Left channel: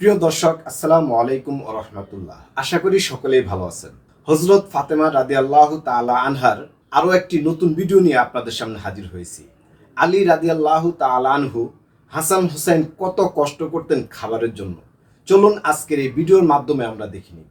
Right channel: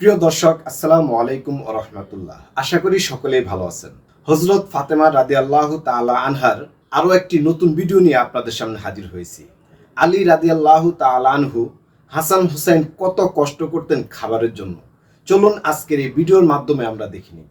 প্রিয় দর্শক, আসসালামু আলাইকুম রহমতুল্লাহ। আশা করি সকলেই ভালো আছেন। হজরত ফাতেমা রাদি আল্লাহ তালা আনহার আরও একটি নতুন ভিডিও নিয়ে আপনাদের সামনে হাজির হয়েছি। আলী রাদি আল্লাহ তালা আনহু, হাসান হুসাইন কত কষ্ট করতেন খাবারের জন্য। চলুন আজকের এই ভিডিওর মাধ্যমে আমরা দেখিনি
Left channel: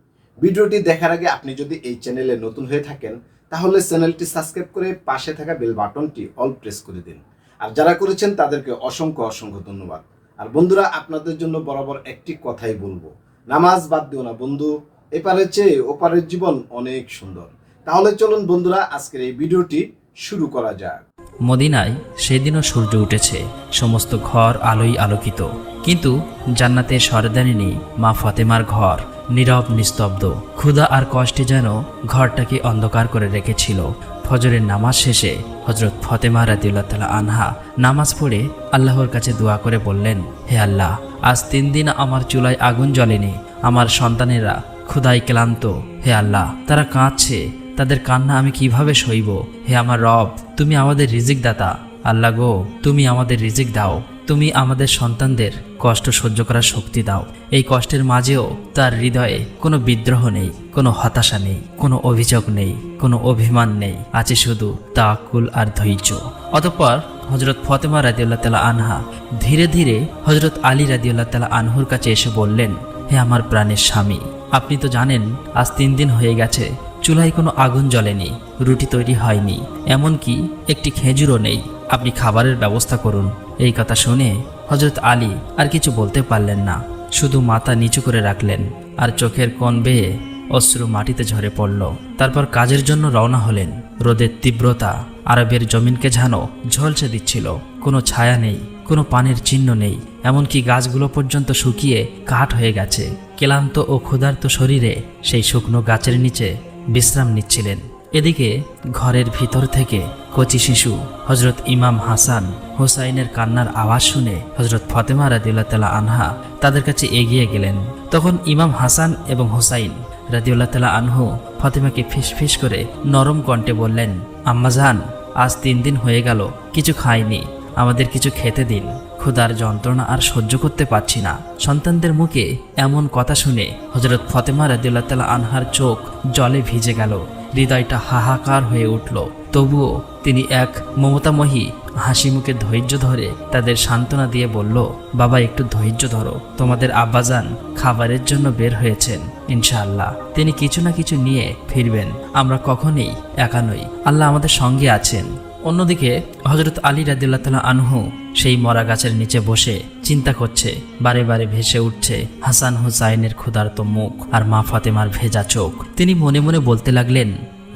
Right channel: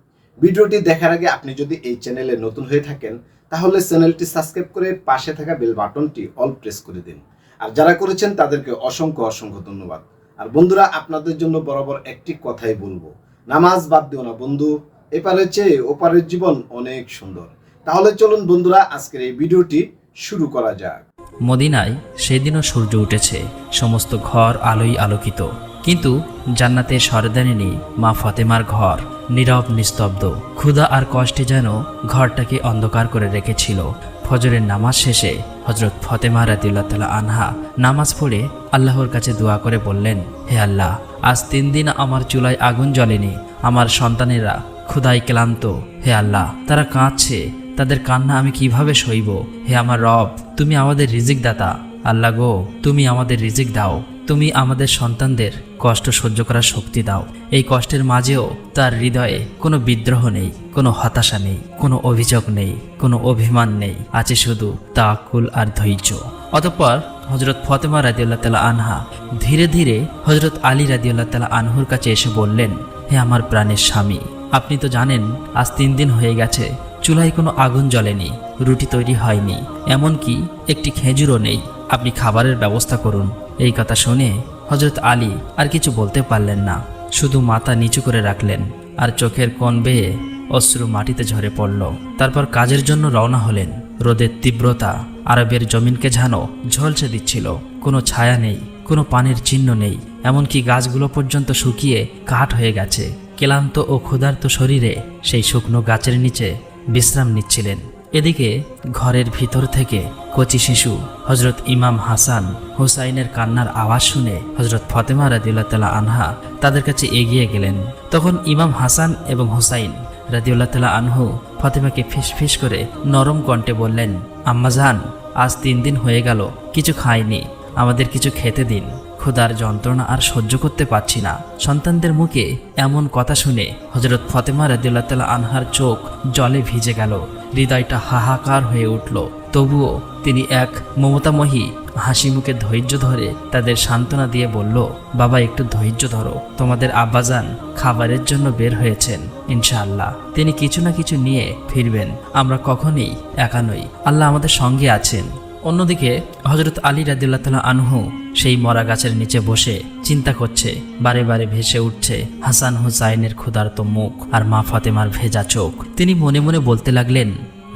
ভিডিওটি দেখার আগে আপনি যদি এই চ্যানেলে নতুন হয়ে থাকেন, তাহলে চ্যানেলটি সাবস্ক্রাইব করে পাশে থাকা বেল বাটনটি অল প্রেস করে দিন। আর যারা করেছেন, তাদেরকে অসংখ্য অসংখ্য ধন্যবাদ। আর বন্ধুরা আপনাদের জন্য বরাবর একটি কথাই বলব। নামাজ বাদ দিও না বন্ধু এপারের চেয়ে ওপারের জীবন অনেক সুন্দর। তাহলে চলুন বন্ধুরা আজকের এই ভিডিওটি শুরু করা যাক। মদিনায় সেদিনও সূর্য উঠেছে সমস্ত ঘর আলোই আলোকিত। কিন্তু জান্নাতের সরদারে নেই মা ফাতেমার ঘর নীরব নিস্তব্ধ। ক্ষুধা আর কষ্টে যেন ঘরটাকে অন্ধকার করে রেখেছিল। ফজরের নামাজ শেষে হজরত ফতেমা রাদিল্লাহ আনহা নামাজ পড়ে আল্লাহর কাছে দোয়া করে বললেন, হে আল্লাহ, আজ তিন দিন আমার চুলায় আগুন জ্বলেনি, আমার সন্তানেরা ক্ষুধায় ক্লান্ত। হে আল্লাহ, তারা কাঁদছে, তাদের কান্না আমি কীভাবে সইব? হে আমার রব, তুমি আমাদের রিজিক দাতা। আল্লাহ গো, তুমি আমাদের রিজিক দাও। তুমি আমাদের সন্তানদের কষ্ট সহ্য করার শক্তি দাও। এই কষ্টের মাঝেও তার হৃদয়ে কোনো বিদ্রোহ নেই, কোনো হতাশা নেই, কোনো অভিযোগ নেই, কোনো অভিমান নেই। আছে শুধু তা তাকুল আর ধৈর্য। অতঃপর হজরত ফতেমা রাদিয়াল্লাহ তালা আনহা ধীরে ধীরে হজরত আলী রাদিয়াল্লাহ তালা আনহুর কাছে এসে বললেন, হে আমার প্রাণের স্বামী, আপনি তো জানেন আজ তিন দিন হয়ে গেছে, চুলায় কোনো আগুন জ্বলেনি, রুটি তৈরি হয়নি, এমনকি একটি খেজুরও নেই। আপনি খাবারের ব্যবস্থা করুন। এই কথা শুনে হজরত আলী আর কিছু বলতে পারলেন না। শুধু মাথা নিচু করে রাখলেন আর চোখের কোণ বেয়ে অশ্রু মাটিতে ঝরে পড়ল। তারপর কাজের জন্য রওনা হলেন। রোদের তীব্রতা আরবের জমিনকে যেন ঝলসা দিচ্ছিল। কোনো ছায়া নেই, কোনো পানের চিহ্ন নেই। এমনকি গাছগুলো পর্যন্ত শুকিয়ে কাঠ হয়ে গেছে। ক্লান্ত ও ক্ষুধার্ত শরীরে সেই শুকনো গাছের নিচে বিশ্রাম নিচ্ছিলেন। এদিকে ঘরের ভিতর থেকে কচি শিশু হজরত ইমাম হাসান হোসাইনের কান্নার আওয়াজ শুনে হজরত ফতেমা রাদিউল্লাহ তালা আনহা তাদের কাছে এগিয়ে গেলেন। তখন ইমাম হাসান এবং হোসাইন রাদিউল্লাহ তালা আনহু ফতেমাকে ফিস ফিস করে নরম কণ্ঠে বললেন আম্মাজান আজ তিন দিন হয়ে গেল, কিছু খাইনি, আমাদের কিছু খেতে দিন। ক্ষুধার যন্ত্রণা আর সহ্য করতে পারছি না। সন্তানদের মুখে এমন কথা শুনে হজরত ফতেমা রাদিউল্লাহ তালা আনহার চোখ জলে ভিজে গেল। হৃদয়টা হাহাকার হয়ে উঠল। তবুও তিনি এক মমতাময়ী হাসি মুখে ধৈর্য ধরে তাদের সান্ত্বনা দিয়ে বলল, বাবা, একটু ধৈর্য ধরো। তোমাদের আব্বাজান খাবারের জন্য বের হয়েছেন, ইনশাআল্লাহ। তিনি কিছু না কিছু নিয়ে ফিরবেন। আমরা কখনই একা নই। আল্লাহ আমাদের সঙ্গে আছেন। অন্যদিকে হজরত আলী রাদিল্লাহ তালা আনহু সেই মরা গাছের নিচে বসে চিন্তা করছে, বারে বারে ভেসে উঠছে হাসান হুসাইনের ক্ষুধার্ত মুখ আর মা ফাতেমার ভেজা চোখ। তিনি মনে মনে বলতে লাগলেন,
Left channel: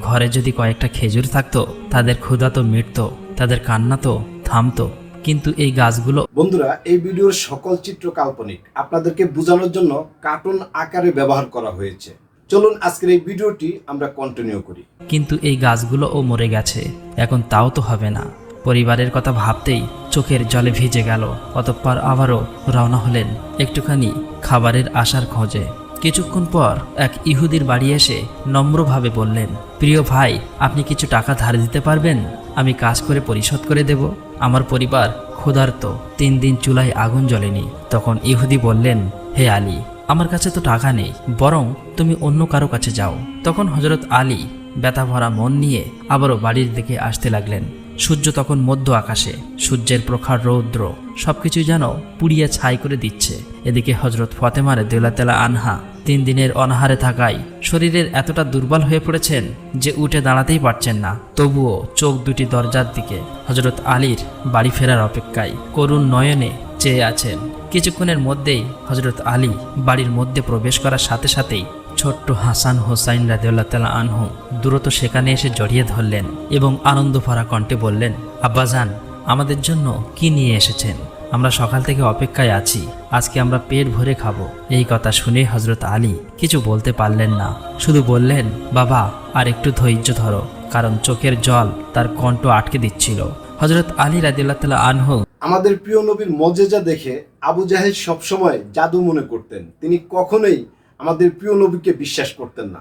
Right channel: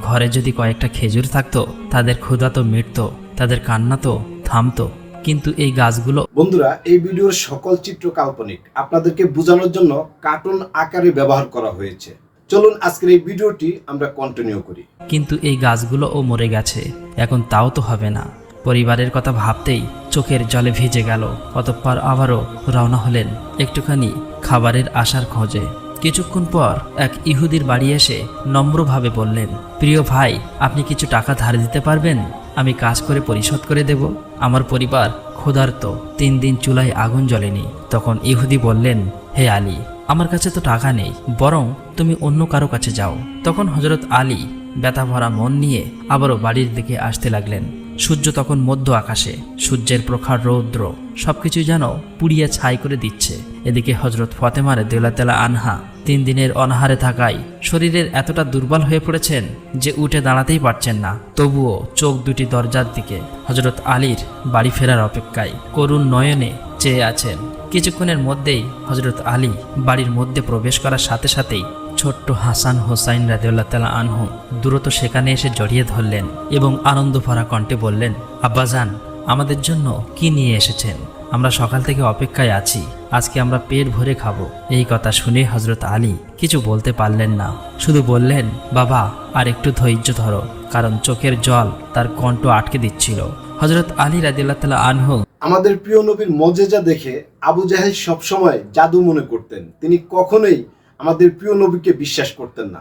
ঘরে যদি কয়েকটা খেজুর থাকতো, তাদের ক্ষুধা তো মিটত, তাদের কান্না তো থামতো। কিন্তু এই গাছগুলো বন্ধুরা, এই ভিডিওর সকল চিত্র কাল্পনিক। আপনাদেরকে বোঝানোর জন্য কার্টুন আকারে ব্যবহার করা হয়েছে। চলুন আজকের এই ভিডিওটি আমরা কন্টিনিউ করি। কিন্তু এই গাছগুলোও মরে গেছে। এখন তাও তো হবে না। পরিবারের কথা ভাবতেই চোখের জলে ভিজে গেল। অতঃপর আবারও রওনা হলেন একটুখানি খাবারের আশার খোঁজে। কিছুক্ষণ পর এক ইহুদির বাড়ি এসে নম্রভাবে বললেন, প্রিয় ভাই, আপনি কিছু টাকা ধার দিতে পারবেন? আমি কাজ করে পরিশোধ করে দেব। আমার পরিবার ক্ষুধার্ত। তিন দিন চুলায় আগুন জ্বলেনি। তখন ইহুদি বললেন, হে আলী আমার কাছে তো টাকা নেই। বরং তুমি অন্য কারও কাছে যাও। তখন হজরত আলী ব্যথা ভরা মন নিয়ে আবারও বাড়ির দিকে আসতে লাগলেন। সূর্য তখন মধ্য আকাশে, সূর্যের প্রখার রৌদ্র সবকিছু যেন পুড়িয়ে ছাই করে দিচ্ছে। এদিকে হজরত ফতেমারে দেলা তেলা আনহা তিন দিনের অনাহারে থাকায় শরীরের এতটা দুর্বল হয়ে পড়েছেন যে উঠে দাঁড়াতেই পারছেন না। তবুও চোখ দুটি দরজার দিকে। হজরত আলীর বাড়ি ফেরার অপেক্ষায় করুণ নয়নে চেয়ে আছেন। কিছুক্ষণের মধ্যেই হজরত আলী বাড়ির মধ্যে প্রবেশ করার সাথে সাথেই ছোট্ট হাসান হোসাইন রাজিউল্লাহ আনহু দ্রুত সেখানে এসে জড়িয়ে ধরলেন এবং আনন্দ ভরা কণ্ঠে বললেন, আব্বাজান আমাদের জন্য কি নিয়ে এসেছেন? আমরা সকাল থেকে অপেক্ষায় আছি। আজকে আমরা পেট ভরে খাব। এই কথা শুনে হজরত আলী কিছু বলতে পারলেন না। শুধু বললেন, বাবা, আর একটু ধৈর্য ধরো। কারণ চোখের জল তার কণ্ঠ আটকে দিচ্ছিল। হজরত আলী তালা আনহু আমাদের প্রিয় নবীর মজেজা দেখে আবু জাহেদ সবসময় জাদু মনে করতেন। তিনি কখনোই আমাদের প্রিয় নবীকে বিশ্বাস করতেন না।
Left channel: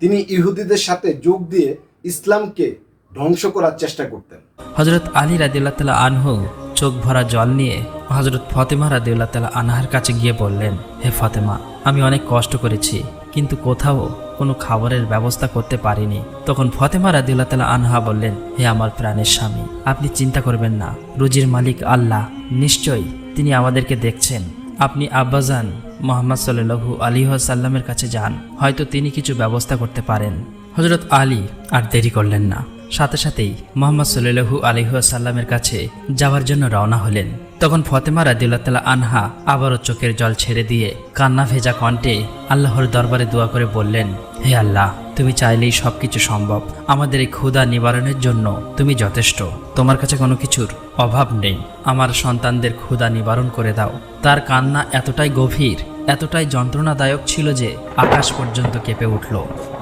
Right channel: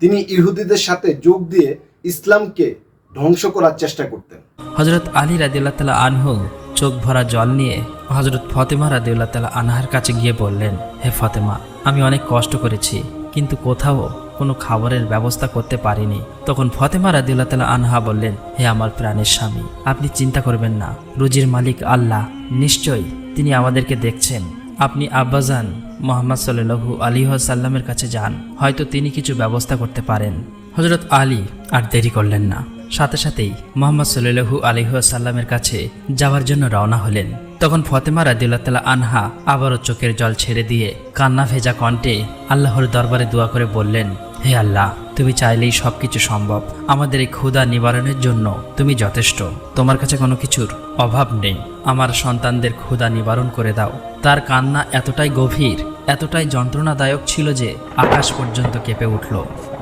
তিনি ইহুদিদের সাথে যোগ দিয়ে ইসলামকে ধ্বংস করার চেষ্টা করতেন। হজরত আলী রাদিল্লাহ তালা আনহু চোখ ভরা জল নিয়ে হজরত ফতেমা রাদিউল্লাহ তালা আনহার কাছে গিয়ে বললেন, হে ফতেমা, আমি অনেক কষ্ট করেছি, কিন্তু কোথাও কোনো খাবারের ব্যবস্থা করতে পারিনি। তখন ফতেমা রাদিউল্লাহ তালা আনহা বললেন, হে আমার প্রাণের স্বামী, আপনি চিন্তা করবেন না, রুজির মালিক আল্লাহ, নিশ্চয়ই তিনি আমাদেরকে দেখছেন। আপনি আব্বাজান মোহাম্মদ সাল্লু আলী সাল্লামের কাছে যান, হয়তো তিনি কিছু ব্যবস্থা করতে পারেন। হজরত আলী আর দেরি করলেন না। সাথে সাথেই মোহাম্মদ সাল্লু আলী সাল্লামের কাছে যাওয়ার জন্য রওনা হলেন। তখন ফতেমা রাদিল্লাহ তালা আনহা আবারও চোখের জল ছেড়ে দিয়ে কান্না ভেজা কণ্ঠে আল্লাহর দরবারে দোয়া করে বললেন, হে আল্লাহ, তুমি চাইলেই সবকিছু সম্ভব। আমাদের এই ক্ষুধা নিবারণের জন্য তুমি যথেষ্ট। তোমার কাছে কোনো কিছুর অভাব নেই। আমার সন্তানদের ক্ষুধা নিবারণ করে দাও। তার কান্না এতটাই গভীর এতটাই যন্ত্রণাদায়ক ছিল যে আকাশ পর্যন্ত কেঁপে উঠল।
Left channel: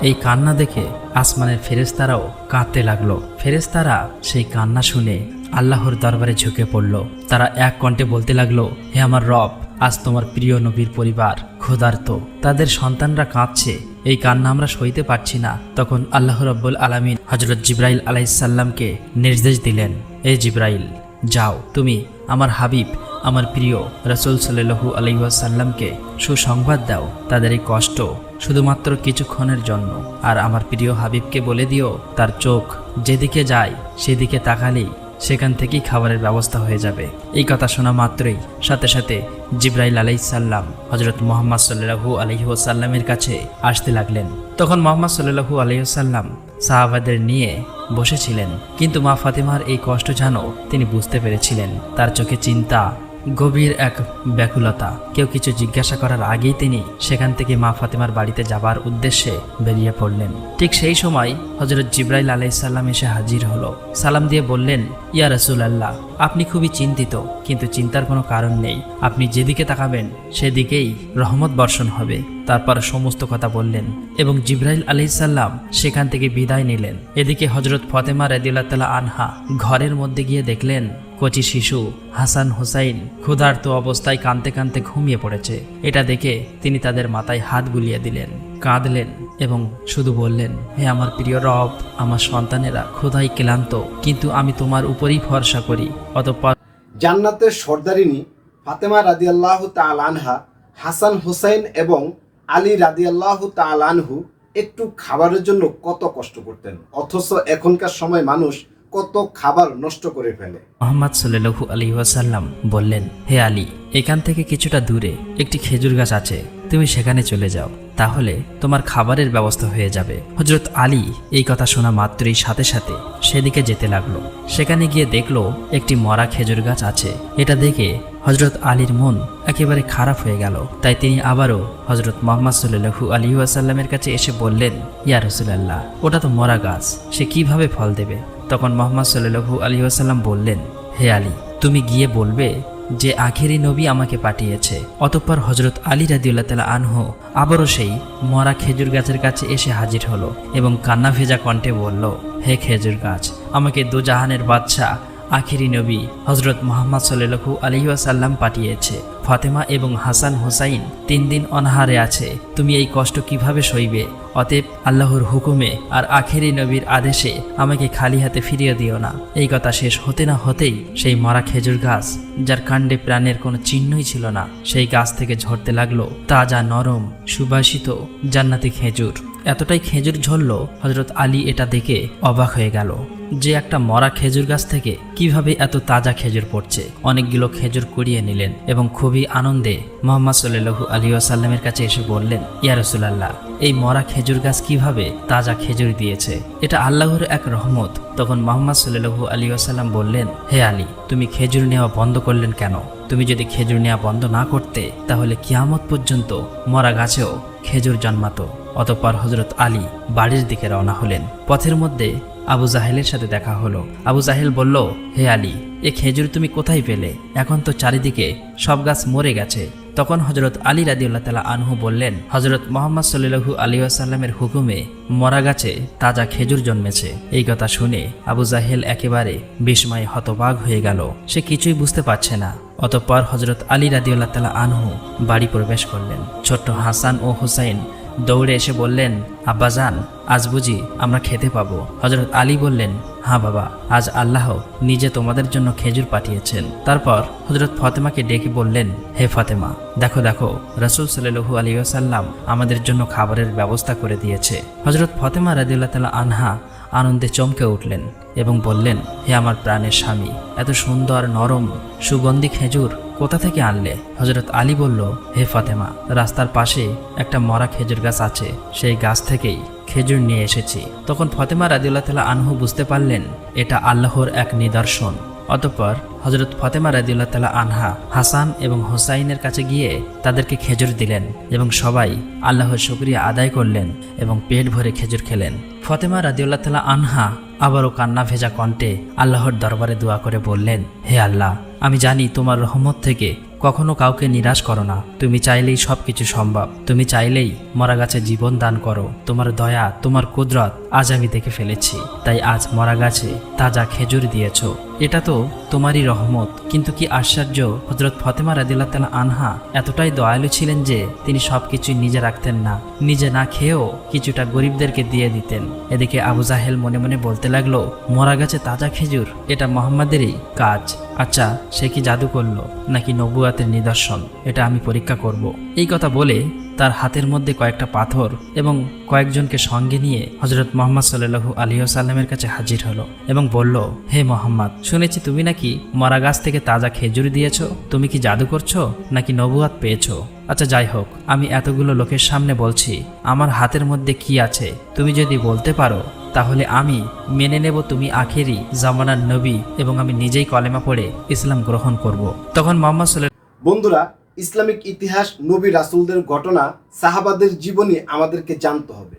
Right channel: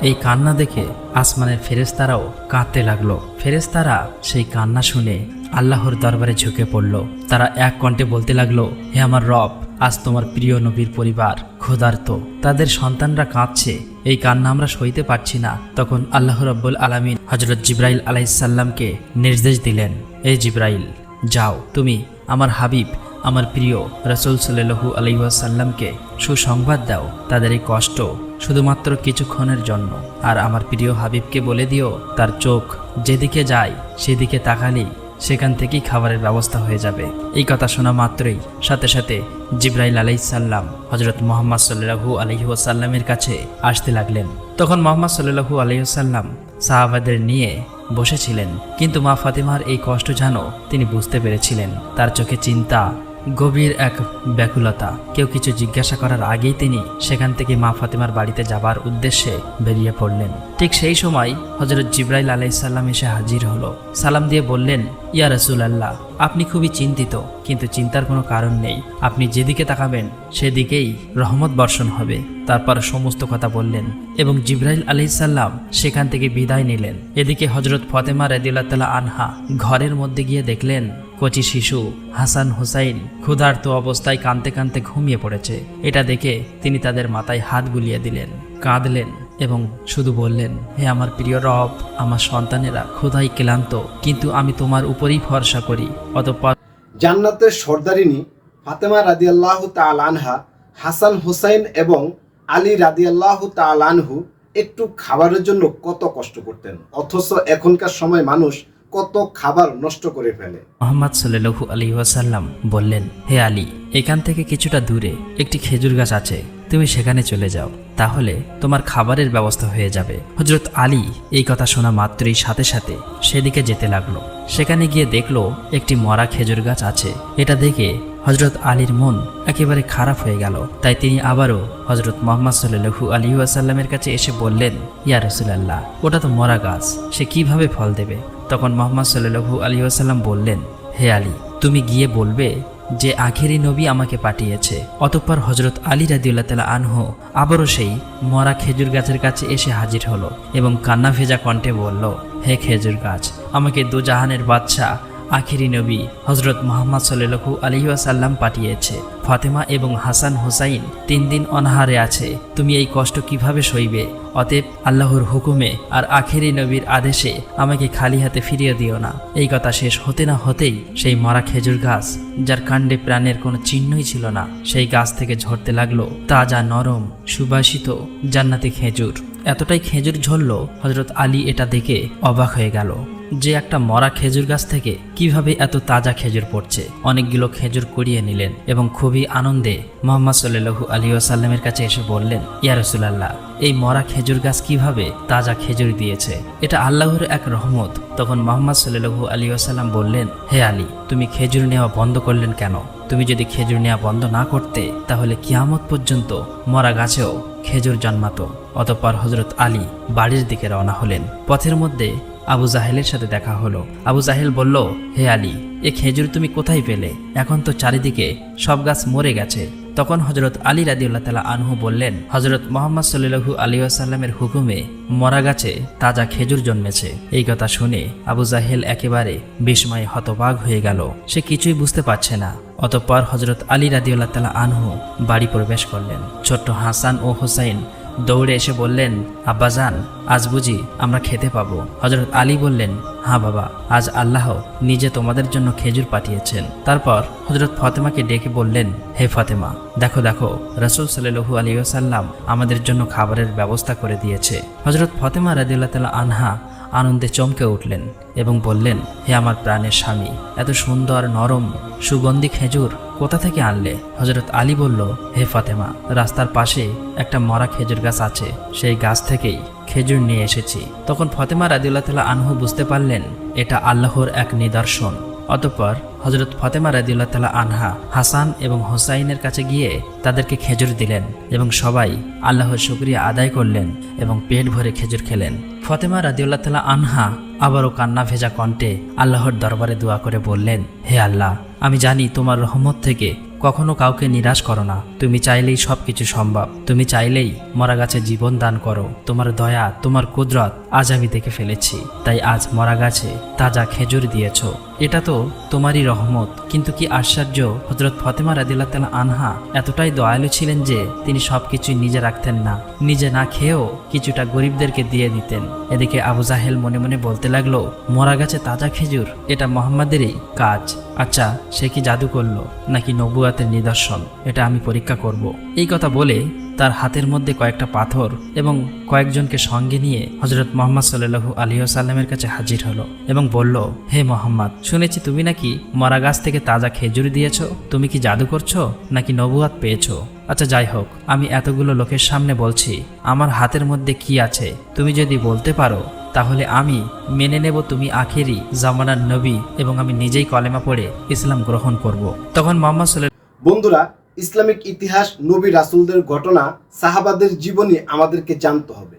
এই কান্না দেখে আসমানের ফেরেস্তারাও কাঁদতে লাগল। ফেরেস্তারা সেই কান্না শুনে আল্লাহর দরবারে ঝুঁকে পড়ল। তারা এক কণ্ঠে বলতে লাগল, হে আমার রব, আজ তোমার প্রিয় নবীর পরিবার, ক্ষুধার্ত। তাদের সন্তানরা কাঁদছে। এই কান্না আমরা সইতে পারছি না। তখন আল্লাহ রব্বুল আলমিন হজরত জিব্রাইল আলাইসাল্লামকে নির্দেশ দিলেন, এ জিব্রাইল, যাও। তুমি আমার হাবিব আমার প্রিয় রাসুল সাল্লু আলহিসাল্লামকে সুসংবাদ দাও। তাদের এই কষ্ট শুধুমাত্র কিছুক্ষণের জন্য। আর আমার প্রিয় হাবিবকে বলে দিও, তার চোখ যেদিকে যায় সেদিকে তাকালি সেখান থেকেই খাবারের ব্যবস্থা হয়ে যাবে। এই কথা শোনা মাত্রই সাথে সাথে জিব্রাইল আলাইসাল্লাম হজরত মোহাম্মদ সাল্লাহু আলহি ওসাল্লামের কাছে আসতে লাগলেন। তখন মোহাম্মদ সাল্লাহু আলহিসাল্লাম সাহাবাদের নিয়ে বসেছিলেন। কিন্তু মা ফাতেমার এই কষ্ট যেন তিনি বুঝতে পেরেছিলেন। তার চোখে চিন্তা গভীর এক ব্যাকুলতা। কেউ কিছু জিজ্ঞাসা করার আগেই তিনি সেখান থেকে মা ফাতেমার বাড়িতে যাবার উদ্দেশ্যে বেরিয়ে পড়লেন। ঠিক সেই সময় হজরত জিব্রাইল আলাইসাল্লাম এসে হাজির হলো। সালাম দিয়ে বললেন, ইয়া রসুল আল্লাহ আপনি খুবই চিন্তিত। কিন্তু চিন্তার কোনো কারণ নেই। আপনি যেদিকে তাকাবেন, সেদিকেই রহমত বর্ষণ হবে। তারপর সমস্ত কথা বললেন এবং জিব্রাইল আলাইসাল্লাম সেখান থেকে বিদায় নিলেন। এদিকে হজরত ফতেমা রেদুল্লাহ আনহা ঘরের মধ্যে গিয়ে দেখলেন, কচি শিশু হাসান হুসাইন ক্ষুধার্ত অবস্থায় কানতে কানতে ঘুমিয়ে পড়েছে। এটা দেখে তিনি তাদের মাথায় হাত বুলিয়ে দিলেন। কাঁদলেন এবং শুধু বললেন হে আমার প্রিয় রব আমার সন্তানেরা খোদাই ক্লান্ত কিন্তু আমি তোমার উপরেই ভরসা করি। অতঃপর জান্নাতের সর্দারিনী ফাতেমা রাদিয়াল্লাহু তাআলা আনহা হাসান হোসাইন এবং আলী রাদিয়াল্লাহু তাআলা আনহু একটু খাবারের জন্য কত কষ্ট করতেন অথচ এখনকার সময় মানুষ কত খাবার নষ্ট করে ফেলে। মোহাম্মদ সাল্লু আলী ওয়াসাল্লাম বললেন হে আলী এখান থেকে কিছুটা দূরে একটি খেজুর গাছ আছে। তুমি সেখানে চলে যাও, তাহলে তোমার খাবারের ব্যবস্থা হয়ে যাবে। হজরত আলী এই কথা শোনা মাত্রই সাথে সাথে সেদিকে যেতে লাগল। সেখানে গিয়ে দেখল একটি মরা খেজুর গাছ আছে। এটা দেখে হজরত আলীর মন একেবারে খারাপ হয়ে গেল। তাই তিনি আবারও হজরত মোহাম্মদ সাল্লু আলী ওয়াসাল্লামের কাছে এসে বললেন, ইয়া রসুলাল্লাহ, ওটা তো মরা গাছ, সে কীভাবে ফল দেবে? তখন মোহাম্মদ সাল্লু আলী আসাল্লাম বললেন, হে আলী, তুমি গিয়ে বলবে যে আখেরি নবী আমাকে পাঠিয়েছে। অতঃপর হজরত আলী রাদিউল্লাহ তালা আনহ আবারও সেই মরা খেজুর গাছের কাছে এসে হাজির হলো এবং কান্না ভেজা কণ্ঠে বলল, হে খেজুর গাছ, আমাকে দুজাহানের বাদশাহ আখিরি নবী হজরত মোহাম্মদ সাল্লু আলহিহাসাল্লাম পাঠিয়েছে। ফাতিমা এবং হাসান হুসাইন তিন দিন অনাহারে আছে। তুমি এই কষ্ট কীভাবে সইবে? অতএব আল্লাহর হুকুমে আর আখেরি নবীর আদেশে আমাকে খালি হাতে ফিরিয়ে দিও না। এই কথা শেষ হতে না হতেই সেই মরা খেজুর গাছ, যার কাণ্ডে প্রাণের কোনো চিহ্নই ছিল না, সেই গাছ থেকে ঝরতে লাগল। তাজা নরম, সুবাসিত, জান্নাতি খেজুর। এতটাই খেজুর ঝরল হজরত আলী এটা দেখে অবাক হয়ে গেল। যে একটা মরা খেজুর গাছ থেকে কীভাবে এত তাজা খেজুর পড়ছে? অনেকগুলো খেজুর কুড়িয়ে নিলেন এবং খুবই আনন্দে মোহাম্মদ সাল্লু আলী আসাল্লামের কাছে এসে বললেন, ইয়া রসুলাল্লাহ, এই মরা খেজুর গাছ কীভাবে তাজা খেজুর দিয়েছে? এটা আল্লাহর এক রহমত। তখন মোহাম্মদ সাল্লু আলী আসাল্লাম বললেন, হে আলী, তুমি খেজুর নেওয়া বন্ধ করলেন কেন? তুমি যদি খেজুর নেওয়া বন্ধ না করতে, তাহলে কিয়ামত পর্যন্ত মরা গাছেও খেজুর জন্মাতো। অতঃপর হজরত আলী বাড়ির দিকে রওনা হলেন। পথের মধ্যে আবু জাহেলের সাথে দেখা হলো। আবু জাহেল বলল, হে আলী, এ খেজুর তুমি কোথায় পেলে? এখন তো চারিদিকে সব গাছ মরে গেছে। তখন হজরত আলী রাদিউল্লাহ তালা আনহু বললেন হজরত মোহাম্মদ সাল্লু আলী আসাল্লামের হুকুমে মরা গাছে তাজা খেজুর জন্মেছে। এই কথা শুনে আবু জাহেল একেবারে বিস্ময়ে হতবাগ হয়ে গেল। সে কিছুই বুঝতে পারছে না। অতঃপর হজরত আলী রাদিউল্লাহ তালা আনহু বাড়ি প্রবেশ করলেন। ছোট্ট হাসান ও হোসাইন দৌড়ে এসে বললেন আব্বাজান আজ বুঝি আমরা খেতে পাবো। হজরত আলী বললেন হ্যাঁ বাবা, আজ আল্লাহ নিজে তোমাদের জন্য খেজুর পাঠিয়েছেন। তারপর হজরত ফাতেমাকে ডেকে বললেন, হে ফাতেমা, দেখো দেখো, রসুল সাল্লু আলী সাল্লাম আমাদের জন্য খাবারের ব্যবস্থা করে দিয়েছে। হজরত ফাতেমা রাদিউল্লাহ তালা আনহা আনন্দে চমকে উঠলেন এবং বললেন, হে আমার প্রাণের স্বামী, এত সুন্দর, নরম, সুগন্ধি খেজুর কোথা থেকে আনলে? হজরত আলী বলল, হে ফাতেমা, রাস্তার পাশে একটা মরা খেজুর গাছ আছে। সেই গাছ থেকেই খেজুর নিয়ে এসেছি। তখন ফতেমা রাজিউল্লাহ তালা আনহু বুঝতে পারলেন, এটা আল্লাহর এক নিদর্শন। অতঃপর হজরত ফাতেমা রাদিউল্লাহ তালা আনহা হাসান এবং হোসাইনের কাছে গিয়ে তাদেরকে খেজুর দিলেন এবং সবাই আল্লাহর শুক্রিয়া আদায় করলেন এবং পেট ভরে খেজুর খেলেন। ফতেমা রাদিউল্লাহ তালা আনহা আবারও কান্না ভেজা কণ্ঠে আল্লাহর দরবারে দোয়া করে বললেন, হে আল্লাহ, আমি জানি তোমার রহমত থেকে কখনো কাউকে নিরাশ করো না। তুমি চাইলেই সবকিছু সম্ভব। তুমি চাইলেই মরা গাছে জীবন দান করো। তোমার দয়া, তোমার কুদরত আজ আমি দেখে ফেলেছি, তাই আজ মরা গাছে তাজা খেজুর দিয়েছ। এটা তো তোমারই রহমত, কিন্তু কি আশ্চর্য হজরত ফতেমা রাদিল্লাহ তালা আনহা এতটাই দয়ালু ছিলেন যে তিনি সবকিছু নিজে রাখতেন না। নিজে না খেয়েও কিছুটা গরিবদেরকে দিয়ে দিতেন। এদিকে আবু জাহেল মনে মনে বলতে লাগল, মরা গাছে তাজা খেজুর, এটা মোহাম্মদেরই কাজ। আচ্ছা সে কি জাদু করল, নাকি নবুয়াতের নিদর্শন? এটা আমি পরীক্ষা করব। এই কথা বলে তার হাতের মধ্যে কয়েকটা পাথর এবং কয়েকজনকে সঙ্গে নিয়ে হজরত মোহাম্মদ সাল্লু আলিয়া সাল্লামের কাছে হাজির হলো এবং বলল, হে মোহাম্মদ, শুনেছি তুমি নাকি মরা গাছ থেকে তাজা খেজুর দিয়েছ? তুমি কি জাদু করছ নাকি নবুয়াত পেয়েছ? আচ্ছা যাই হোক, আমি এতগুলো লোকের সামনে বলছি, আমার হাতের মধ্যে কি আছে? তুমি যদি বলতে পারো, তাহলে আমি মেনে নেব তুমি আখেরি জামানার নবী এবং আমি নিজেই কলেমা পড়ে ইসলাম গ্রহণ করব। তখন মোহাম্মদ বন্ধুরা ইসলামিক ইতিহাস, নবী রাসুলদের ঘটনা, সাহাবাদের জীবনী আমাদেরকে জানতে হবে।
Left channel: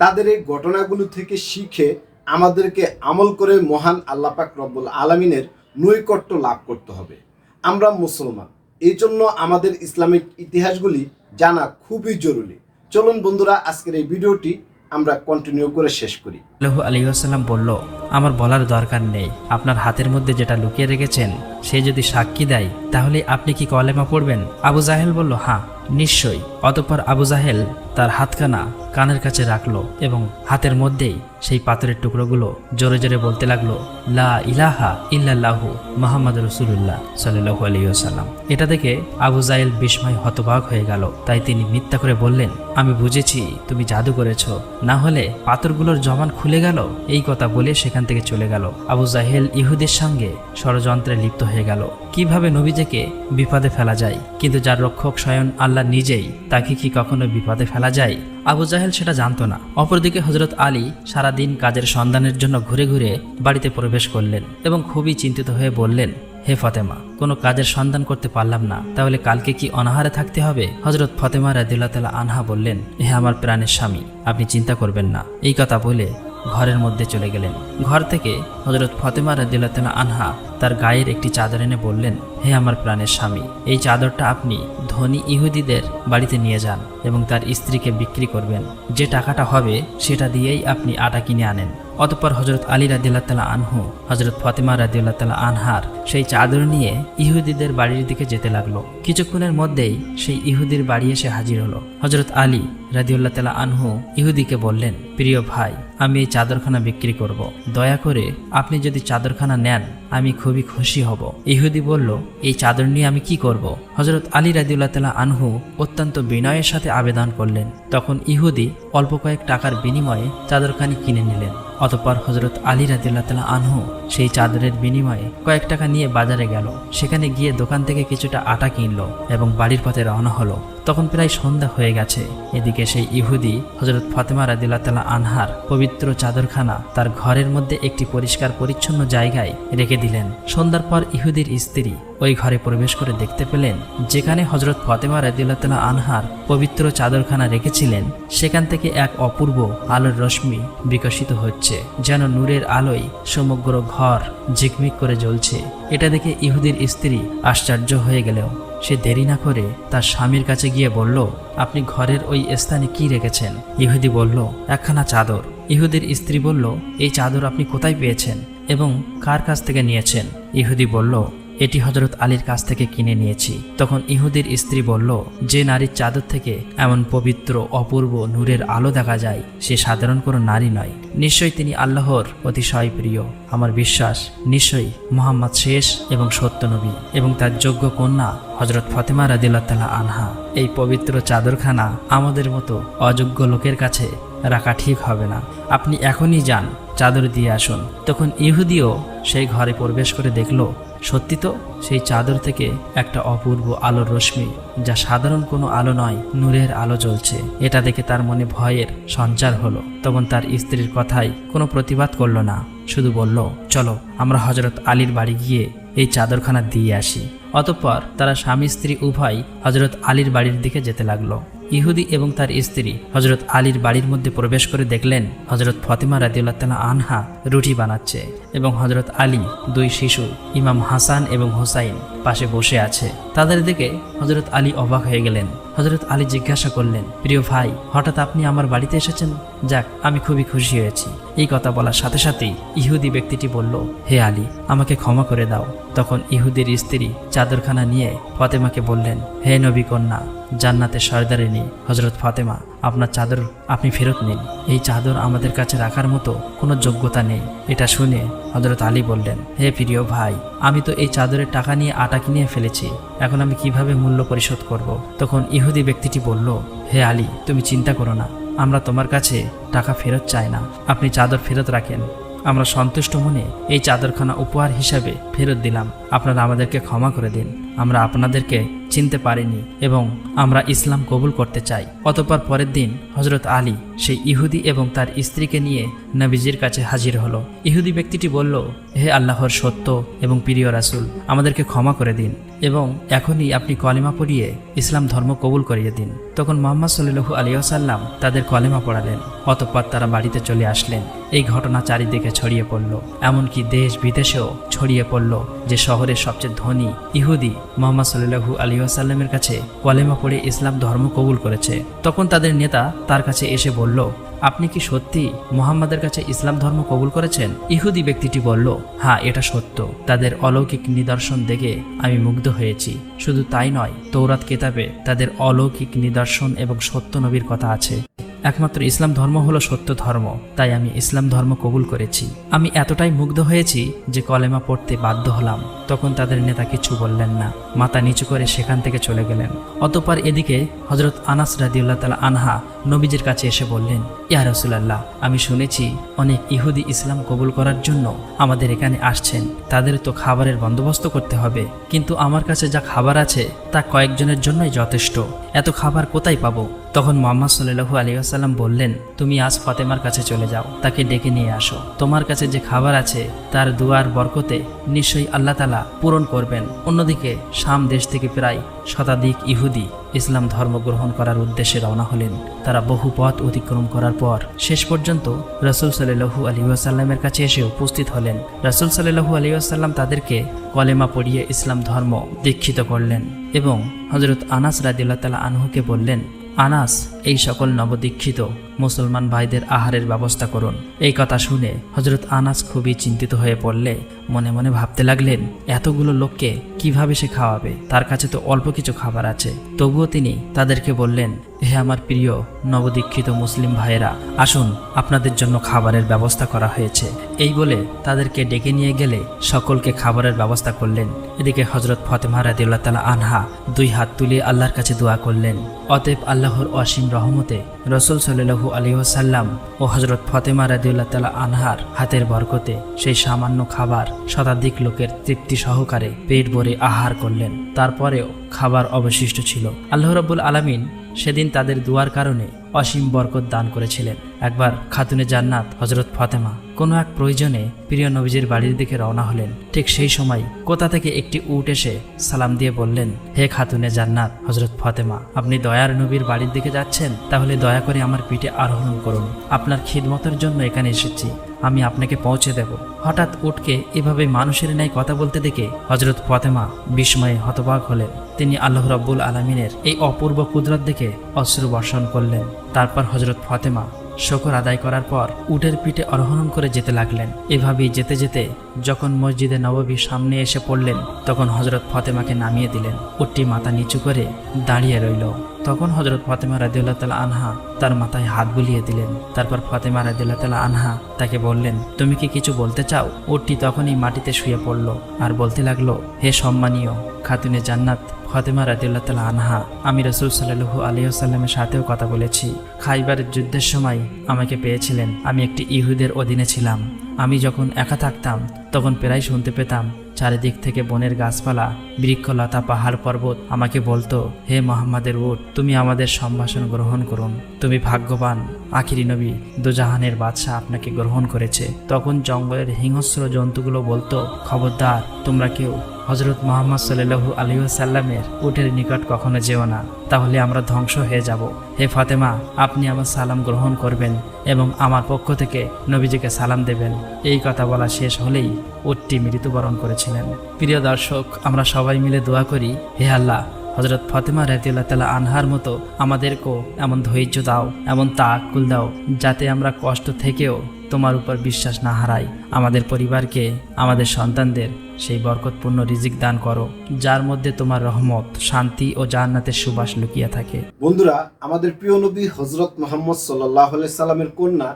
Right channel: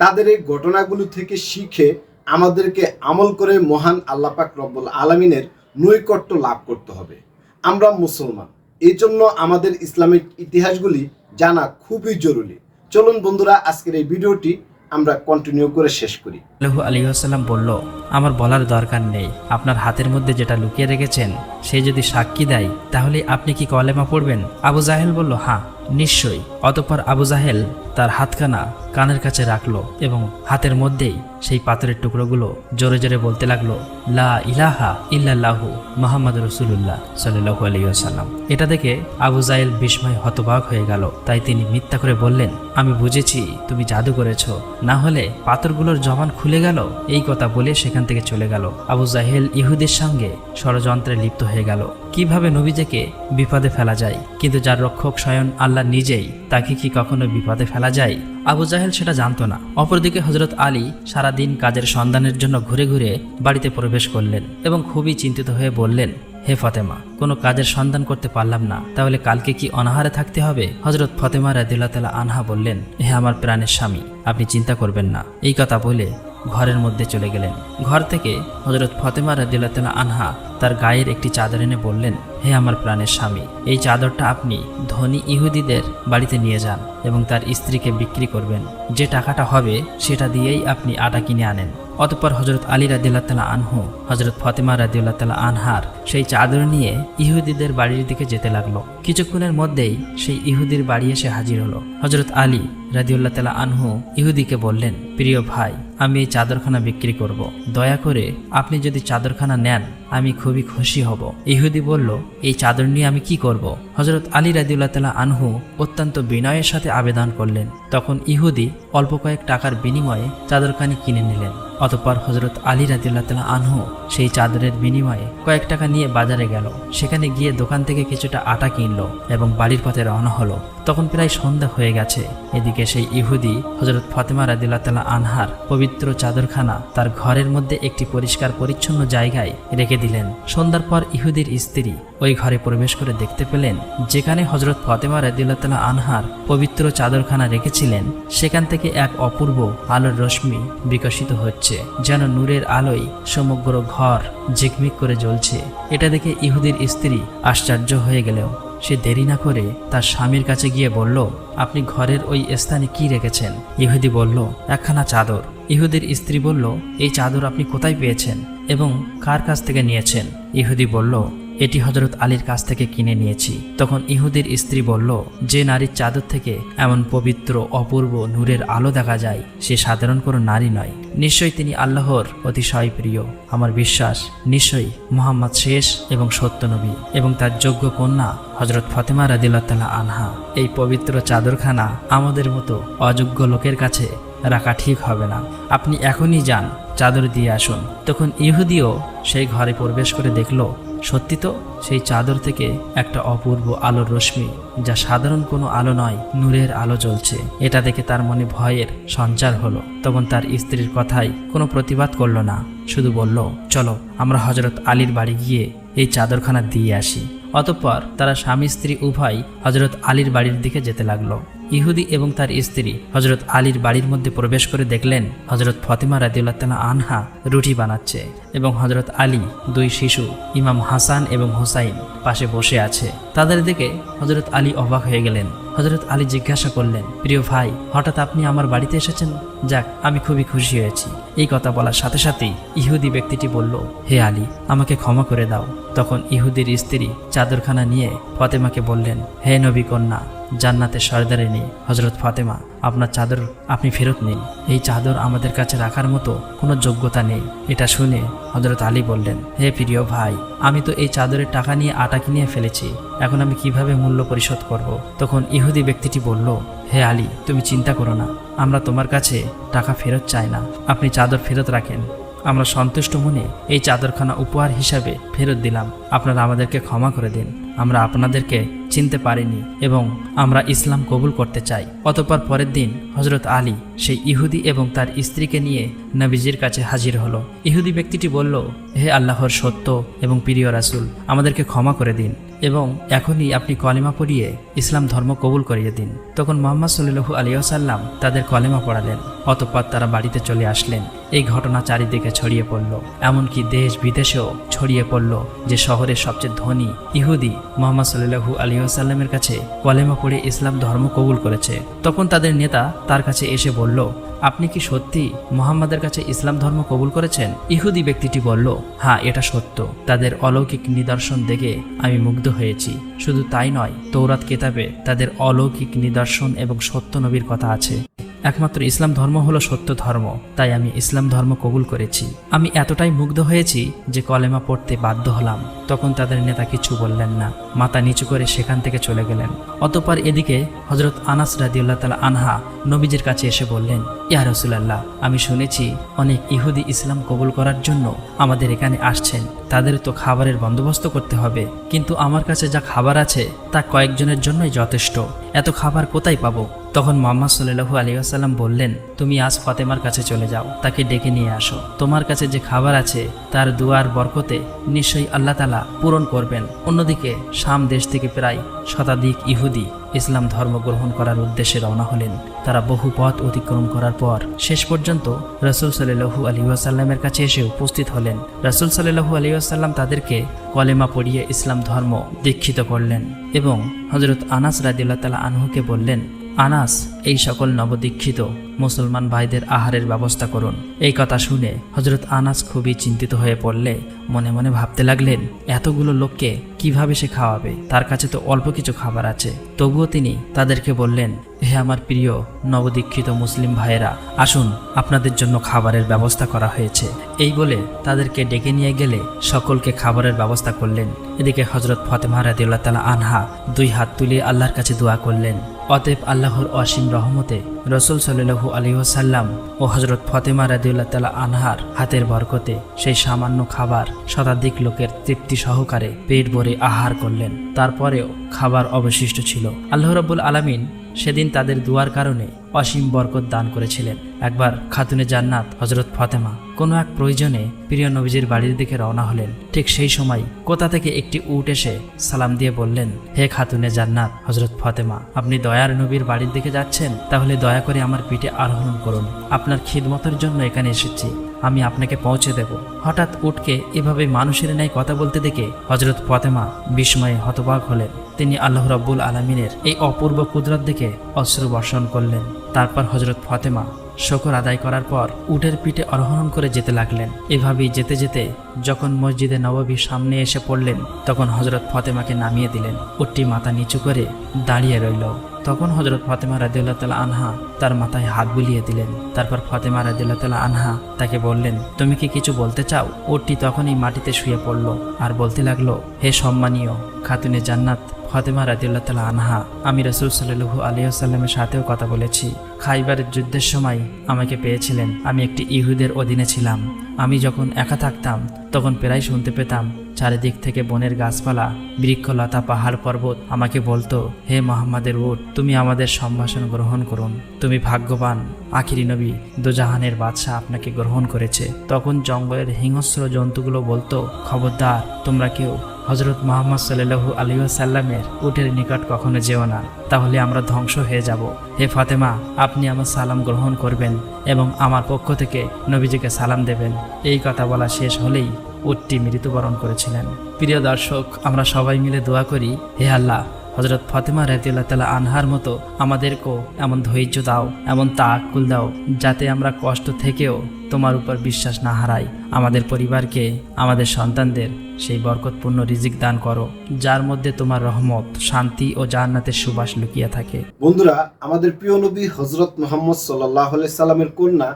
তাদের এই ঘটনাগুলো থেকে শিখে আমাদেরকে আমল করে মহান আল্লাপাক রব্বুল আলমিনের নৈকট্য লাভ করতে হবে। আমরা মুসলমান এই জন্য আমাদের ইসলামিক ইতিহাসগুলি জানা খুবই জরুরি। চলুন বন্ধুরা, আজকের এই ভিডিওটি আমরা কন্টিনিউ করে শেষ করি। আলহিহাসাল্লাম বলল, আমার বলার দরকার নেই। আপনার হাতের মধ্যে যেটা লুকিয়ে রেখেছেন, সে যদি সাক্ষী দেয়, তাহলে আপনি কি কলেমা পড়বেন? আবু জাহেল বলল হ্যাঁ নিশ্চয়ই। অতঃপর আবু জাহেল তার হাতখানা কানের কাছে রাখল এবং হাতের মধ্যেই সেই পাথরের টুকরোগুলো জোরে জোরে বলতে লাগল, লা ইলাহা ইল্লাল্লাহু মুহাম্মদ রাসূলুল্লাহ সাল্লাল্লাহু আলাইহি ওয়াসাল্লাম। এটা দেখে আবু জাহেল বিস্ময় হতবাক হয়ে গেল। তাই তিনি মিথ্যা করে বললেন, আমি বুঝেছি, তুমি জাদু করেছ। না হলে পাথরগুলোর জমান খুলে গেল? এই কথা বলে সেখান থেকে চলে গেল। আবু জাহেল ইহুদের সঙ্গে ষড়যন্ত্রে লিপ্ত হয়ে গেল। কীভাবে নবীজেকে বিপদে ফেলা যায়? কিন্তু যার রক্ষক স্বয়ং আল্লাহ নিজেই, তাকে কি কখনো বিপদে ফেলা যায়? আবু জাহেল সেটা জানতো না। অপরদিকে হজরত আলী সারাদিন কাজের সন্ধানের জন্য ঘুরে ঘুরে বাড়িতে প্রবেশ করলেন এবং খুবই চিন্তিত হয়ে বললেন, হে ফাতেমা, কোনো কাজের সন্ধান করতে পারলাম না। তাহলে কালকে কি অনাহারে থাকতে হবে? হজরত ফাতেমা রাদিল্লাহ তালা আনহা বললেন, হে আমার প্রাণের স্বামী, আপনি চিন্তা করবেন না। এই কথা বলে ঘরের মধ্যে চলে গেলেন। ঘর থেকে হজরত ফতেমা তালা আনহা তার গায়ের একটি চাদর এনে বললেন, হে আমার প্রাণের স্বামী, এই চাদরটা আপনি ধনী ইহুদিদের বাড়িতে নিয়ে যান এবং তার স্ত্রীকে বিক্রি করবেন। যে টাকাটা হবে সেটা দিয়েই আপনি আটা কিনে আনেন। অতঃপর হজরত আলী রাদিল্লাহ তালা আনহু হজরত ফতেমা রাদিল্লাহ তালা আনহার সেই চাদর নিয়ে ইহুদিদের বাড়ির দিকে যেতে লাগল। কিছুক্ষণের মধ্যেই সেই ইহুদির বাড়ি এসে হাজির হলো। হজরত আলী রাদিউল্লাহ তালা আনহু ইহুদিকে বললেন, প্রিয় ভাই, আমি এই চাদরখানা বিক্রি করব। দয়া করে আপনি যদি চাদরখানা নেন, আমি খুবই খুশি হব। ইহুদি বলল, এই চাদর নিয়ে আমি কি করব? হজরত আলী রাজিউল্লাহ তালা আনহু অত্যন্ত বিনয়ের সাথে আবেদন করলেন। তখন ইহুদি অল্প কয়েক টাকার বিনিময়ে চাদরখানি কিনে নিলেন। অতঃপর হজরত আলী রাদিউল্লাহ তালা আনহু সেই চাদরের বিনিময়ে কয়েক টাকা নিয়ে বাজারে গেল। সেখানে গিয়ে দোকান থেকে কিছুটা আটা কিনলো এবং বাড়ির পথে রওনা হলো। তখন প্রায় সন্ধ্যা হয়ে গেছে। এদিকে সেই ইহুদি হজরত ফতেমা রাদিল্লাহ তালা আনহার পবিত্র চাদরখানা তার ঘরের মধ্যে একটি পরিষ্কার পরিচ্ছন্ন জায়গায় রেখে দিলেন। সন্ধ্যার পর ইহুদির স্ত্রী ওই ঘরে প্রবেশ করে দেখতে পেলেন, যেখানে হজরত ফতেমা রাদিল্লাহ তালা আনহার পবিত্র চাদরখানা রেখেছিলেন। সেখান থেকে এক অপূর্ব আলোর রশ্মি বিকশিত হচ্ছে। যেন নূরের আলোয় সমগ্র ঘর ঝিকমিক করে জ্বলছে। এটা দেখে ইহুদের স্ত্রী আশ্চর্য হয়ে গেলেও সে দেরি না করে তার স্বামীর কাছে গিয়ে বলল, আপনি ঘরের ওই স্থানে কি রেখেছেন? ইহুদি বলল, একখানা চাদর। ইহুদির স্ত্রী বলল, এই চাদর আপনি কোথায় পেয়েছেন এবং কার কাছ থেকে নিয়েছেন? ইহুদি বলল এটি হজরত আলীর কাছ থেকে কিনে নিয়েছি। তখন ইহুদির স্ত্রী বলল, যে নারীর চাদর থেকে এমন পবিত্র, অপূর্ব নূরের আলো দেখা যায়, সে সাধারণ কোনো নারী নয়। নিশ্চয়ই তিনি আল্লাহর অতিশয় প্রিয়। আমার বিশ্বাস, নিশ্চয়ই মোহাম্মদ শেষ এবং সত্য নবী এবং তার যোগ্য কন্যা হজরত ফতেমা রাদিল্লাহ আনহা। এই পবিত্র চাদরখানা আমাদের মতো অযোগ্য লোকের কাছে রাখা ঠিক হবে না। আপনি এখনই যান, চাদর দিয়ে আসুন। তখন ইহুদিও সেই ঘরে প্রবেশ করে দেখল সত্যি তো? সেই চাদর থেকে একটা অপূর্ব আলোর রশ্মি, যা সাধারণ কোনো আলো নয়, নূরের আলো জ্বলছে। এটা দেখে তার মনে ভয়ের সঞ্চার হলো, তখন তার স্ত্রীর কথায় কোনো প্রতিবাদ করল না। শুধু বলল, চলো, আমরা হজরত আলীর বাড়ি গিয়ে এই চাদরখানা দিয়ে আসি। অতঃপর তারা স্বামী স্ত্রী উভয় হজরত আলীর বাড়ির দিকে যেতে লাগল। ইহুদি এবং তার স্ত্রী হজরত আলীর বাড়ির মধ্যে প্রবেশ করে দেখলেন হজরত ফতেমা রাদিউল্লাহ আনহা রুটি বানাচ্ছে এবং হজরত আলী দুই শিশু, ইমাম হাসান এবং হোসাইন পাশে বসে আছে। তাদের দিকে হজরত আলী অবাক হয়ে গেলেন। হজরত আলী জিজ্ঞাসা করলেন, প্রিয় ভাই, হঠাৎ আপনি আমার বাড়িতে এসেছেন? যাক, আমি খুবই খুশি হয়েছি। এই কথা বলার সাথে সাথেই ইহুদি ব্যক্তিটি বলল, হে আলী, আমাকে ক্ষমা করে দাও। তখন ইহুদের স্ত্রী চাদরখানা নিয়ে ফতেমাকে বললেন, হে নবী কন্যা জান্নাতের সর্দারিনী হজরত ফতেমা, আপনার চাদর আপনি ফেরত নিন। এই চাদর আমাদের কাছে রাখার মতো কোনো যোগ্যতা নেই। এটা শুনে হজরত আলী বললেন, হে প্রিয় ভাই, আমি তো এই চাদরের টাকা নিয়ে আটা কিনে ফেলেছি। এখন আমি কীভাবে মূল্য পরিশোধ করব? তখন ইহুদি ব্যক্তিটি বলল, হে আলী, তুমি চিন্তা করো না। আমরা তোমার কাছে টাকা ফেরত চাই না। আপনি চাদর ফেরত রাখেন। আমরা সন্তুষ্ট মনে এই চাদরখানা উপহার হিসাবে ফেরত দিলাম। আপনারা আমাদেরকে ক্ষমা করে দিন। আমরা আপনাদেরকে চিনতে পারিনি এবং আমরা ইসলাম কবুল করতে চাই। অতঃপর পরের দিন হজরত আলী সেই ইহুদি এবং তার স্ত্রীকে নিয়ে নাবিজির কাছে হাজির হলো। ইহুদি ব্যক্তিটি বলল, হে আল্লাহর সত্য এবং প্রিয় রাসুল, আমাদেরকে ক্ষমা করে দিন এবং এখনই আপনি কলেমা পড়িয়ে ইসলাম ধর্ম কবুল করিয়ে দিন। তখন মোহাম্মদ সাল্লু আলিয়াসাল্লাম তাদের কলেমা পড়ালেন অতঃপর তারা বাড়িতে চলে আসলেন। এই ঘটনা চারিদিকে ছড়িয়ে পড়ল। এমনকি দেশ বিদেশেও ছড়িয়ে পড়ল যে শহরের সবচেয়ে ধনী ইহুদি মোহাম্মদ সাল্লু আলিয়াসাল্লামের কাছে কলেমা পড়ে ইসলাম ধর্ম কবুল করেছে। তখন তাদের নেতা তার কাছে এসে বলল আপনি কি সত্যি মোহাম্মদের কাছে ইসলাম ধর্ম কবুল করেছেন? ইহুদি ব্যক্তিটি বলল হ্যাঁ এটা সত্য। তাদের অলৌকিক নিদর্শন দেখে আমি মুগ্ধ হয়েছি। শুধু তাই নয় তৌরাত কেতাবে তাদের অলৌকিক নিদর্শন এবং সত্য নবীর কথা আছে। একমাত্র ইসলাম ধর্ম হলো সত্য ধর্ম, তাই আমি ইসলাম ধর্ম কবুল করেছি। আমি এতটাই মুগ্ধ হয়েছি যে কলেমা পড়তে বাধ্য হলাম। তখন তাদের নেতা কিছু বললেন না। মাথা নিচু করে সেখান থেকে চলে গেলেন। অতপর এদিকে হজরত আনাস রাদিউল্লাহ তালা আনহা নবীজির কাছে এসে বললেন, ইয়া রসুলাল্লাহ, আমি শুনেছি অনেক ইহুদি ইসলাম কবুল করার জন্য আমাদের এখানে আসছেন। তাদের তো খাবারের বন্দোবস্ত করতে হবে। কিন্তু আমার কাছে যা খাবার আছে, তা কয়েকজনের জন্যই যথেষ্ট। এত খাবার কোথায় পাবো? তখন মোহাম্মদ সাল্লু আলিয়াসাল্লাম বললেন, তুমি আজ ফতেমার কাছে চলে যাও, তাকে ডেকে নিয়ে আসো। তোমার কাছে যে খাবার আছে, তার ধোয়ার বরকতে নিশ্চয়ই আল্লাহ তালা পূরণ করবেন। অন্যদিকে শাম দেশ থেকে প্রায় শতাধিক ইহুদি ইসলাম ধর্ম গ্রহণ করার উদ্দেশ্যে রওনা হলেন। তারা বহু পথ অতিক্রম করার পর শেষ পর্যন্ত রাসুল সাল্লু আলী আসাল্লামের কাছে এসে উপস্থিত হলেন। রাসুল সাল্লু আলী আসাল্লাম তাদেরকে কলেমা পড়িয়ে ইসলাম ধর্ম দীক্ষিত করলেন এবং হজরত আনাস রাদিল্লাহ তালা আনহুকে বললেন, আনাস, এই সকল নবদীক্ষিত মুসলমান ভাইদের আহারের ব্যবস্থা করুন। এই কথা শুনে হজরত আনাস খুবই চিন্তিত হয়ে পড়লে মনে মনে ভাবতে লাগলেন, এতগুলো লোককে কীভাবে সে খাওয়াবে? তার কাছে তো অল্প কিছু খাবার আছে। তবুও তিনি তাদেরকে বললেন, হে আমার প্রিয় নবদীক্ষিত মুসলিম ভাইয়েরা, আসুন আপনাদের জন্য খাবারের ব্যবস্থা করা হয়েছে। এই বলে তাদেরকে ডেকে নিয়ে গেলে সকলকে খাবারের ব্যবস্থা করলেন। এদিকে হজরত ফতেমা রাদিউল্লাহ তালা আনহা দুই হাত তুলে আল্লাহর কাছে দোয়া করলেন। অতএব আল্লাহর অসীম রহমতে রসুল সাল্লু আলহিহাসাল্লাম ও হজরত ফতেমা রাজিউল্লাহ তালা আনহার হাতের বরকতে সেই সামান্য খাবার শতাধিক লোকের তৃপ্তি সহকারে পেট ভরে আহার করলেন। তারপরেও খাবার অবশিষ্ট ছিল। আল্লাহ রাবুল আলামিন সেদিন তাদের দুয়ার কারণে অসীম বরকত দান করেছিলেন। একবার খাতুনে জান্নাত হজরত ফাতেমা কোনো এক প্রয়োজনে প্রিয় নবীজির বাড়ির দিকে রওনা হলেন। ঠিক সেই সময় কোথা থেকে একটি উট এসে সালাম দিয়ে বললেন, হে খাতুনে জান্নাত হজরত ফাতেমা, আপনি দয়ার নবীর বাড়ির দিকে যাচ্ছেন? তাহলে দয়া করে আমার পিঠে আরোহণ করুন। আপনার খিদমতার জন্য এখানে এসেছি। আমি আপনাকে পৌঁছে দেব। হঠাৎ উটকে এভাবে মানুষের ন্যায় কথা বলতে দেখে হজরত ফাতেমা বিস্ময়ে হতবাক হলেন। তিনি আল্লাহ রাব্বুল আলমিনের এই অপূর্ব কুদরত দেখে অশ্রু বর্ষণ করলেন। তারপর হজরত ফাতেমা শকর আদায় করার পর উটের পিঠে আরোহণ করে যেতে লাগলেন। এভাবে যেতে যেতে যখন মসজিদে নববীর সামনে এসে পড়লেন, তখন হজরত ফাতেমাকে নামিয়ে দিলেন। উটটি মাথা নিচু করে দাঁড়িয়ে রইল। তখন হজরত ফাতেমা রাদিল্লাহ আনহা তার মাথায় হাত বুলিয়ে দিলেন। তারপর ফাতেমা রাদিল্লাহ আনহা তাকে বললেন, তুমি কি কিছু বলতে চাও? উটটি তখনই মাটিতে শুয়ে পড়ল আর বলতে লাগল, হে সম্মানীয়, খাতুনে জান্নাত ফাতেমা রাদিল্লাহ তাল আনহা আমি রসুল সাল্লাহু আলিয়াসাল্লামের সাথেও কথা বলেছি। খাইবারের যুদ্ধের সময় আমাকে পেয়েছিলেন। আমি একটি ইহুদের অধীনে ছিলাম। আমি যখন একা থাকতাম, তখন প্রায় শুনতে পেতাম, চারিদিক থেকে বনের গাছপালা, বৃক্ষলতা, পাহাড় পর্বত আমাকে বলতো, হে মোহাম্মদের উট, তুমি আমাদের সম্ভাষণ গ্রহণ করুন। তুমি ভাগ্যবান, আখিরি নবী, দুজাহানের বাদশাহ আপনাকে গ্রহণ করেছে। তখন জঙ্গলের হিংস্র জন্তুগুলো বলতো, খবরদার, তোমরা কেউ হজরত মোহাম্মদ সাল্লু আলিমাসাল্লামের উটের নিকট কখনো যেও না। তাহলে আমরা ধ্বংস হয়ে যাব। হে ফাতেমা, আপনি আমার সালাম গ্রহণ করবেন এবং আমার পক্ষ থেকে নবীজিকে সালাম দেবেন। এই কথা বলা শেষ হলেই উটটি মৃত্যুবরণ করেছিলেন। প্রিয় দর্শক, আমরা সবাই মিলে দোয়া করি, হে আল্লাহ হজরত ফাতেমা রাজিল্লাহ তালা আনহার মতো আমাদেরকেও এমন ধৈর্য দাও, এমন তাকুল দাও, যাতে আমরা কষ্ট থেকেও তোমার উপর বিশ্বাস না হারাই আমাদের পরিবারকে, আমাদের সন্তানদের সেই বরকতপূর্ণ রিজিক দান করো, যার মধ্যে তোমার রহমত, শান্তি ও জান্নাতের সুবাস লুকিয়ে থাকে। বন্ধুরা, আমাদের প্রিয় নবী হজরত মোহাম্মদ সাল্লাহ সাল্লামের কন্যা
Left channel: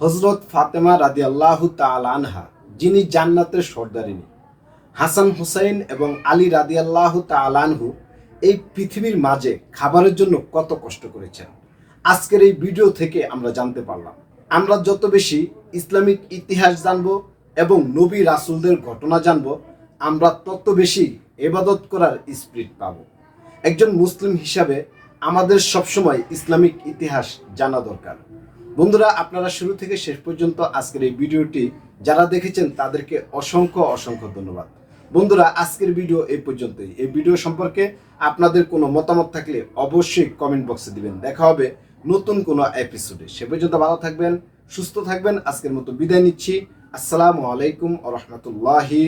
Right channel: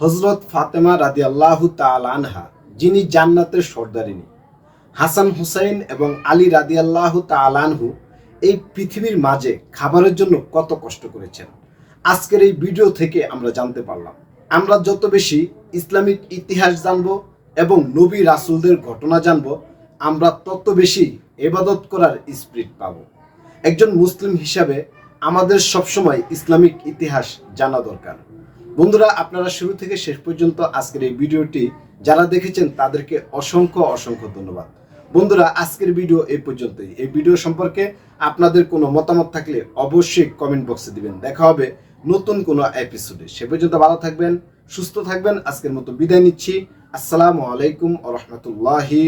হজরত ফাতেমা রাদি আল্লাহ আনহা, যিনি জান্নাতের সর্দারিনী। হাসান হুসাইন এবং আলী রাদি আল্লাহ আনহু এই পৃথিবীর মাঝে খাবারের জন্য কত কষ্ট করেছেন। আজকের এই ভিডিও থেকে আমরা জানতে পারলাম আমরা যত বেশি ইসলামিক ইতিহাস জানব এবং নবী রাসুলদের ঘটনা জানব, আমরা তত বেশি এবাদত করার স্পিরিট পাব। একজন মুসলিম হিসাবে আমাদের সবসময় ইসলামিক ইতিহাস জানা দরকার। বন্ধুরা, আপনারা শুরু থেকে শেষ পর্যন্ত আজকের এই ভিডিওটি যারা দেখেছেন, তাদেরকে অসংখ্য অসংখ্য ধন্যবাদ। বন্ধুরা, আজকের ভিডিও এই পর্যন্তই। এই ভিডিও সম্পর্কে আপনাদের কোনো মতামত থাকলে অবশ্যই কমেন্ট বক্সে দিবেন। দেখা হবে নতুন কোনো এপিসোডে সে পর্যন্ত ভালো থাকবেন, সুস্থ থাকবেন। আজকের মতো বিদায় নিচ্ছি। আসসালামু আলাইকুম রহমতুল্লাহি